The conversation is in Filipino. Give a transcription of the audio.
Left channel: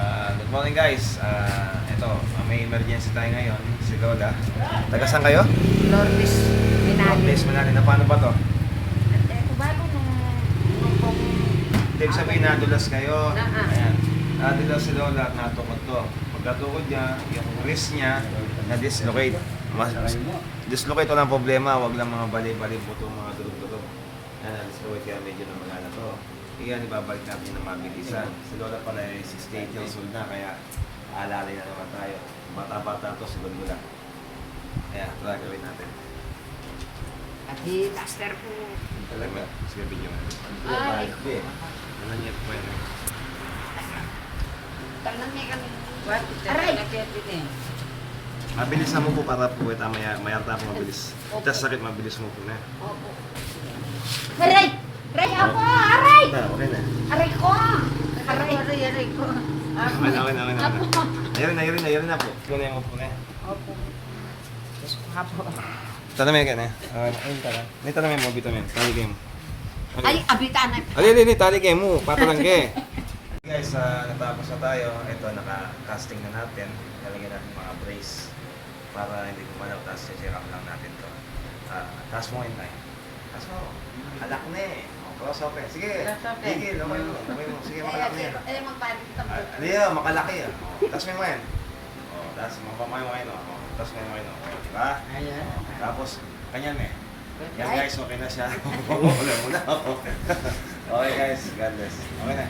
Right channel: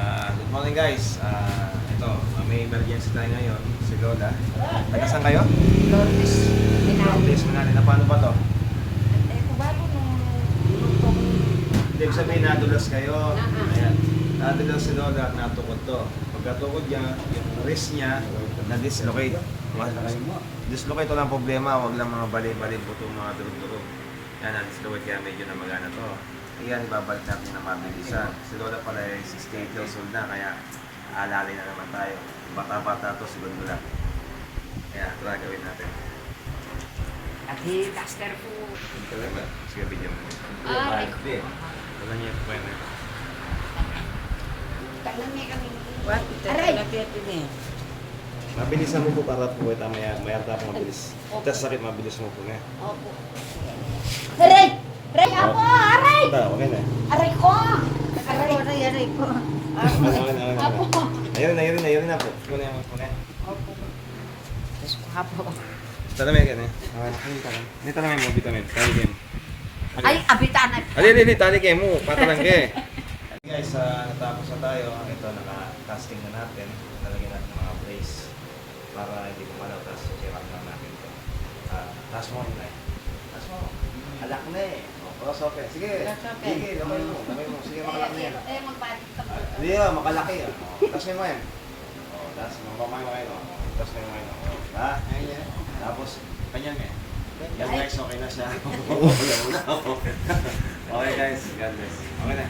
Ah, good morning guys. Ah, ito, may emergency tayo ngayon. Si Lola. Taga saan kayo? Lourdes Minali. Please, manali na paano ba to? At eh, kung bago nung, nung kung... Ibig sabihin nadulas kayo. Ah, ah. Ayan. Nadulas si Lola at natukod to. Pagkatukod niya, yung wrist niya na-dislocate. Mas, dislocate to ng problema. Huwag lang mga bali-bali buto, mga durog-durog. Yan, na-dislocate kaya medyo na magana to. Iyan, ibabalik natin na mabilisan. Si Lola pala ay 68 years old na, kaya alalay na naman tayo. Bata-bata to, segundo lang. Ayan, ito na gawin natin. At hi, duster po. Talaga, sige, video mo. Ay. Hindi. Wala niya ito pwede. Tanong niya kami. Aray! Aray! Mabilis na mo po para po ito, maya, maya tapo mabilis. Tapos sakit mabilis mo po na. Opo. Aray! Aray ako! Aray! Ito, okay na. Aray ko! Aray, aray, aray ko. Okay na, okay na, okay na. Apo. Ayun na, ayun na, ayun na po. Na yung po na. Opo. Apo. Ito na may ka na. Ayun ka na. May mo, vitamin. Tali game. Ay, abitan na. Ali, ali, ali, tali game mo. Patalang ke. Guys, ah, natapos na tayo. Ito, naka-casting na natin. Lalagyan natin brace para hindi kumalaw. Tapos check up lang natin to. Ah, taas mo ngayon, Nay. Taas mo. Alak na eh. Oh, cross open. Sige. Cross open. Sige, lamay mo. Lamay mo. Sige, makalak na yan. Eh, magpalit ka po. Ah, Hindi ah, makalaki ah. Oh, taas mo yung ngayon. Oh, taas mo. Mamay mo ngayon. Oh, taas mo yung ngayon. Oh, diba? Oh, tapos, kanyan eh. Yan guys, okay na siya. Wala, wala. okay guys, God bless. Okay na.